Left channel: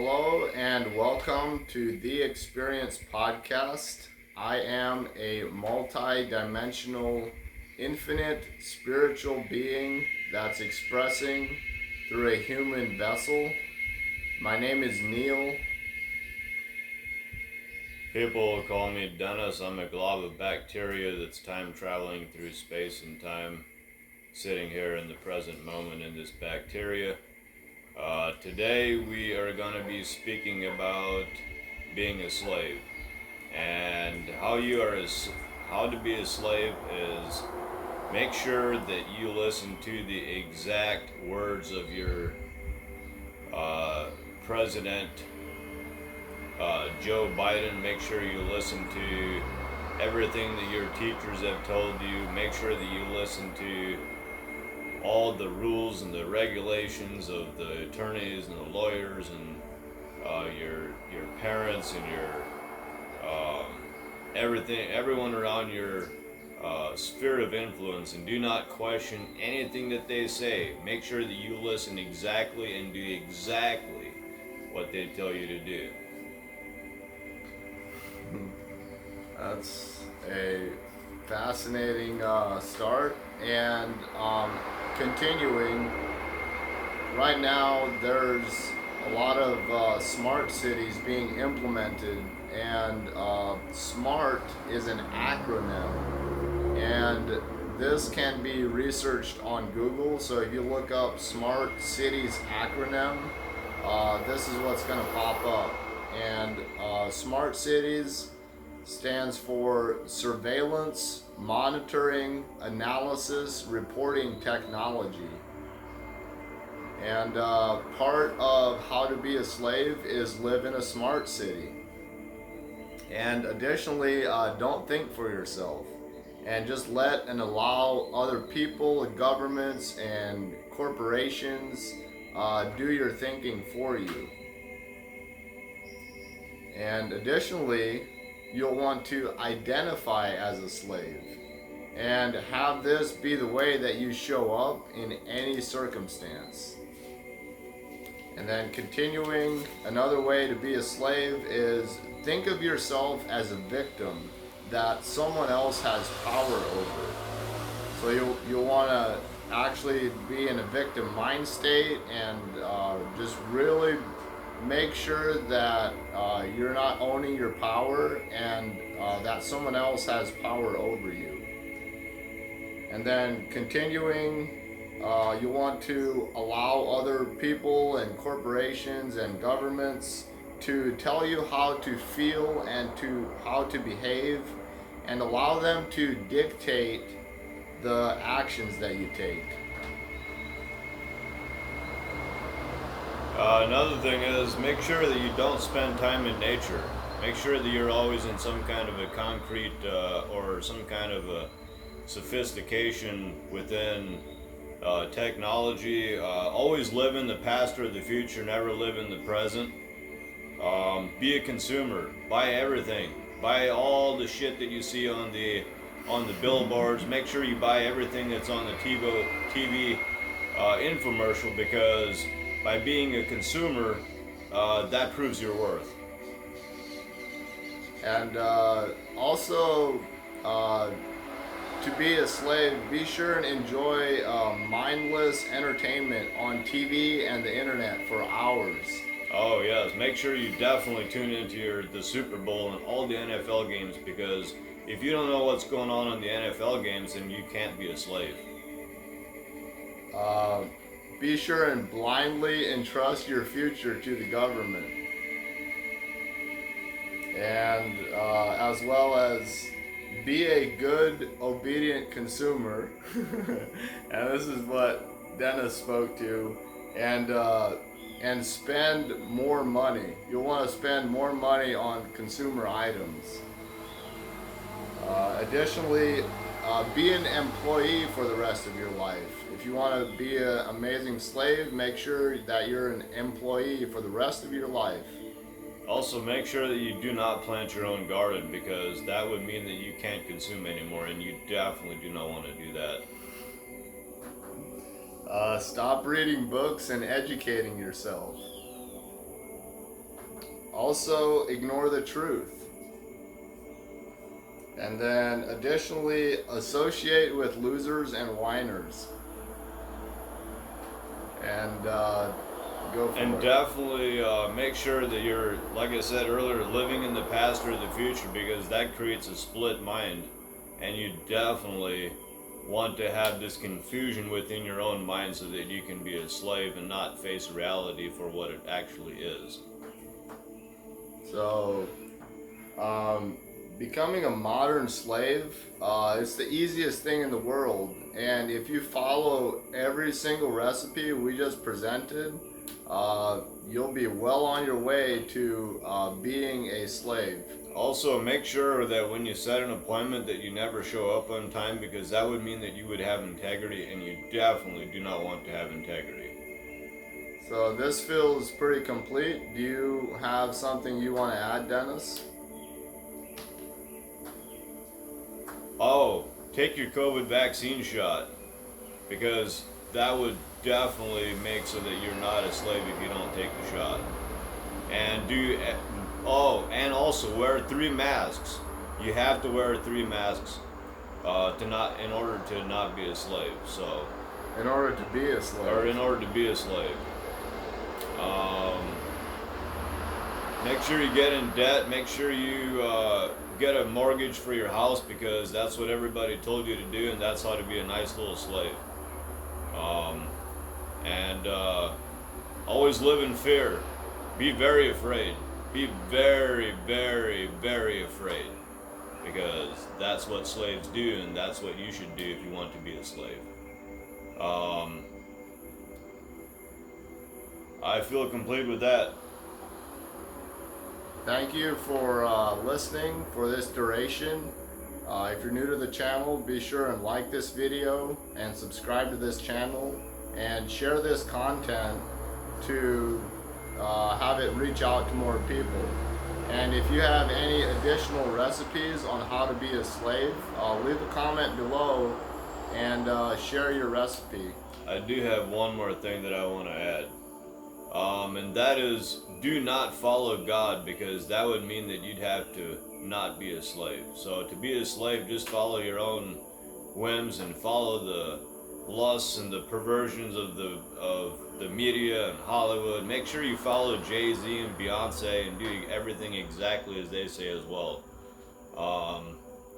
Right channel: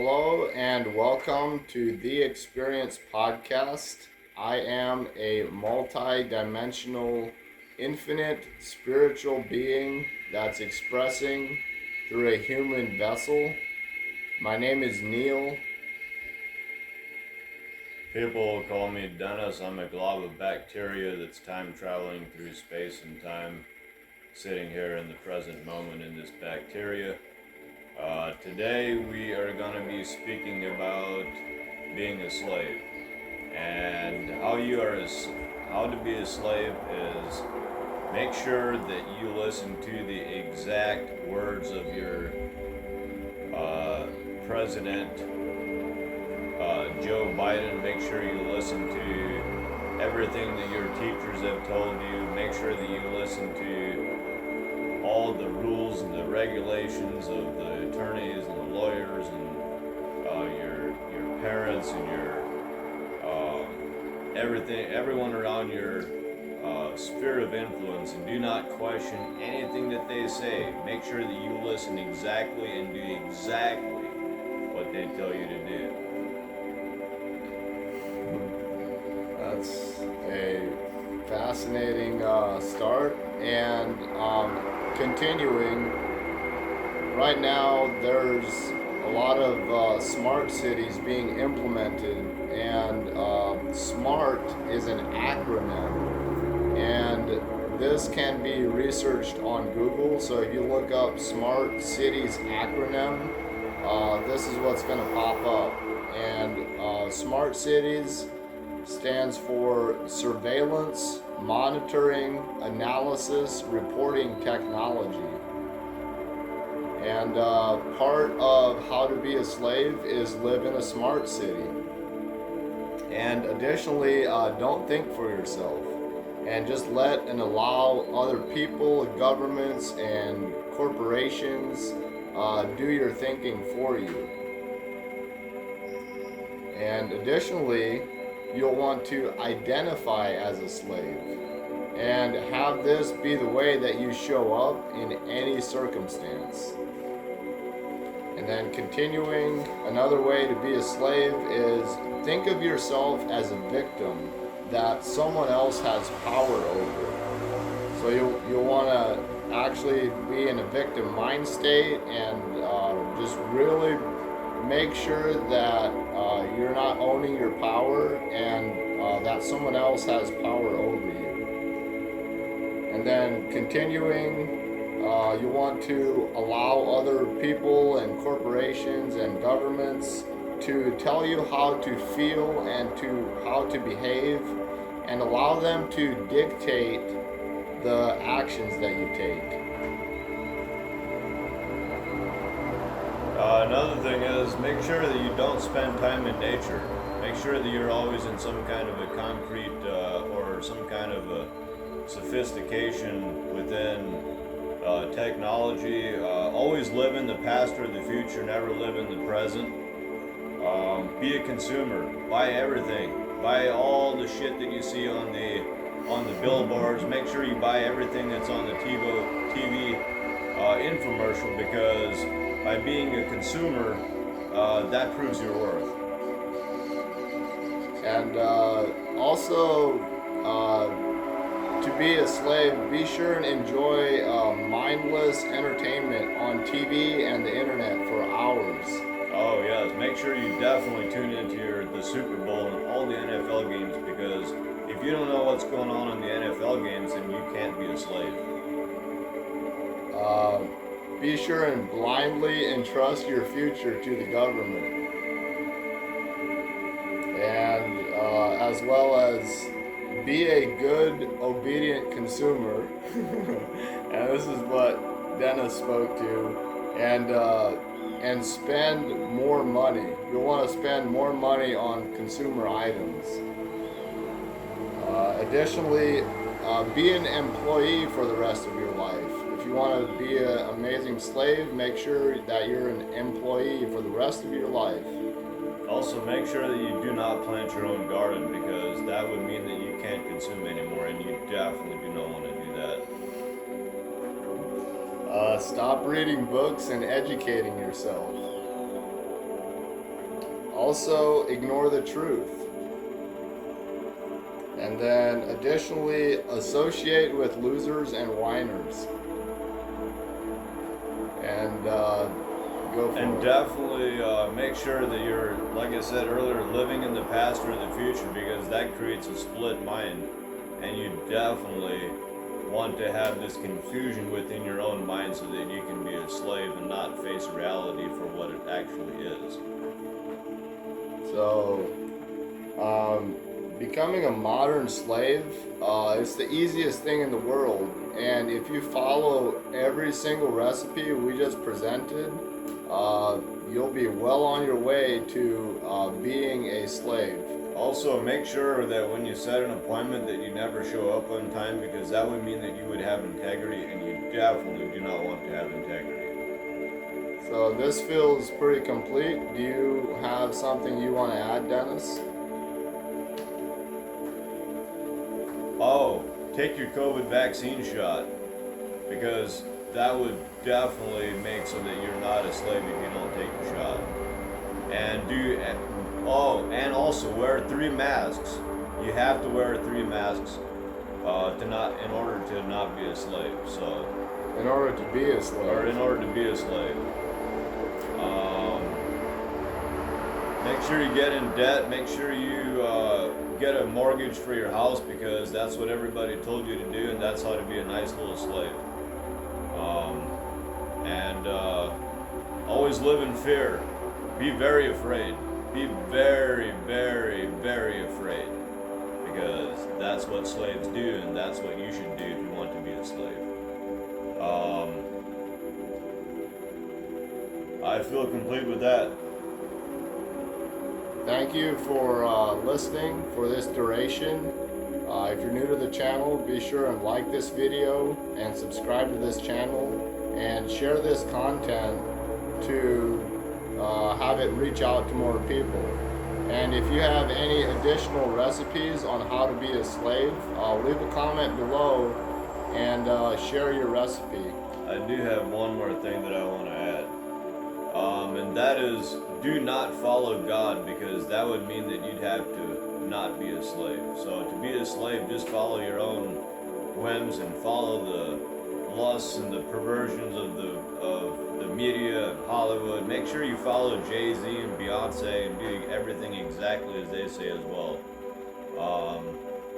Hello and welcome to The Experience Podcast. I am a multi-dimensional, infinite spiritual being that's expressing through a human vessel. My name is Neil. People call me Dennis. I'm a glob of bacteria that's time traveling through space and time, sitting here in the present moment in this bacteria. Today we are going to be speaking about being a slave, and how to be a slave is make sure that you listen to the exact words of your president, Joe Biden. Make sure you listen to everything that your teachers have told you. Make sure that you listen to all the rules and the regulations of the attorneys and the lawyers and your parents and your everyone around your sphere of influence, and do not question anything that they say. Make sure that you listen exactly and do exactly what they tell you to do. That's a fascinating start, and continuing. Right now, there's a lot of smart cities being implemented, and SMART is an acronym, and this can be researched on Google. So if you look up Smart Cities acronym, this is what's going to pop up. And Smart Cities stands for Surveillance, Monitoring, Analysis, Reporting Technology. And part of how to be a slave is live in a smart city. And additionally, don't think for yourself. And just let and allow other people, governments, and corporations do your thinking for you. And additionally, you'll want to identify as a slave and have this be the way that you show up in any circumstance. And then continuing, another way to be a slave is think of yourself as a victim that someone else has power over. So you'll want to actually be in a victim mind state and just really make sure that you're not owning your power and that someone else has power over you. And then continuing, you want to allow other people and corporations and governments to tell you how to feel and to how to behave, and allow them to dictate the actions that you take. Another thing is make sure that you don't spend time in nature. Make sure that you're always in some kind of a concrete or some kind of a sophistication within technology. Always live in the past or the future, never live in the present. Be a consumer. Buy everything. Buy all the shit that you see on the billboards. Make sure you buy everything that's on the TV infomercial, because by being a consumer, that proves your worth. And also, to be a slave, be sure and enjoy mindless entertainment on TV and the internet for hours. Oh yes, make sure you definitely tune into the Super Bowl and all the NFL games, because if you don't know what's going on in the NFL games, then you can't be a slave. Be sure and blindly entrust your future to the government. And as well as be a good, obedient consumer. And this is what Dennis spoke to. And spend more money. You'll want to spend more money on consumer items. Additionally, be an employee for the rest of your life. If you want to be an amazing slave, make sure that you're an employee for the rest of your life. Also, make sure that you do not plant your own garden, because that would mean that you can't consume anymore, and you definitely do not want to do that. Stop reading books and educating yourself. Also, ignore the truth. And then additionally, associate with losers and whiners. And go for And it. definitely make sure that you're, like I said earlier, living in the past or the future, because that creates a split mind. And you definitely want to have this confusion within your own mind so that you can be a slave and not face reality for what it actually is. So, becoming a modern slave, it's the easiest thing in the world. And if you follow every single recipe we just presented, you'll be well on your way to being a slave. Also, make sure that when you set an appointment that you never show up on time, because that would mean that you would have integrity, and you definitely do not want to have integrity. So this feels pretty complete. Do you have something you want to add, Dennis? Oh, take your COVID vaccine shot, because that would definitely make so that you're not a slave if you don't take the shot. And also wear 3 masks. You have to wear 3 masks in order to not be a slave. So, In order to be a slave. or in order to be a slave. Make sure you get in debt. Make sure you get a mortgage for your house, because that's what everybody told you to do, and that's how to be a nice little slave. Always live in fear. Be very afraid. Be very, very, very afraid, because that's what slaves do, and that's what you should do if you want to be a slave. I feel complete with that. Thank you for listening for this duration. If you're new to the channel, be sure and like this video and subscribe to this channel and share this content to have it reach out to more people. And if you have any additional recipes on how to be a slave, leave a comment below and share your recipe. I do have one more thing that I want to add. And that is, do not follow God, because that would mean that you'd have to not be a slave. So to be a slave, just follow your own whims and follow the lusts and the perversions of the media and Hollywood. Make sure you follow Jay-Z and Beyonce and do everything exactly as they say as well.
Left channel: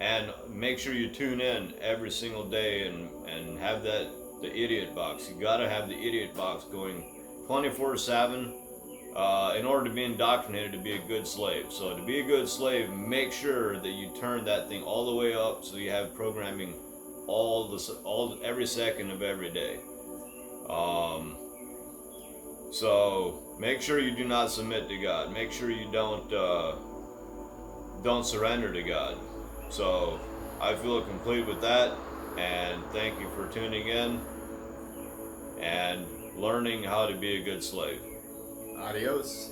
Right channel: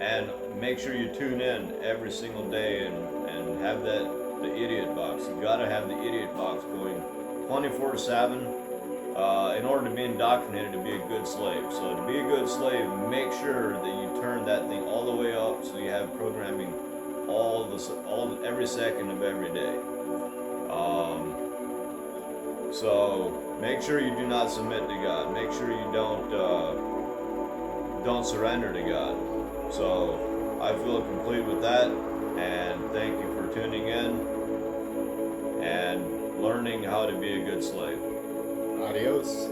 And make sure you tune in every single day and have the idiot box. You gotta have the idiot box going 24/7 in order to be indoctrinated to be a good slave. So to be a good slave, make sure that you turn that thing all the way up so you have programming every second of every day. So make sure you do not submit to God. Make sure you don't surrender to God. So I feel complete with that, and thank you for tuning in and learning how to be a good slave. Adios.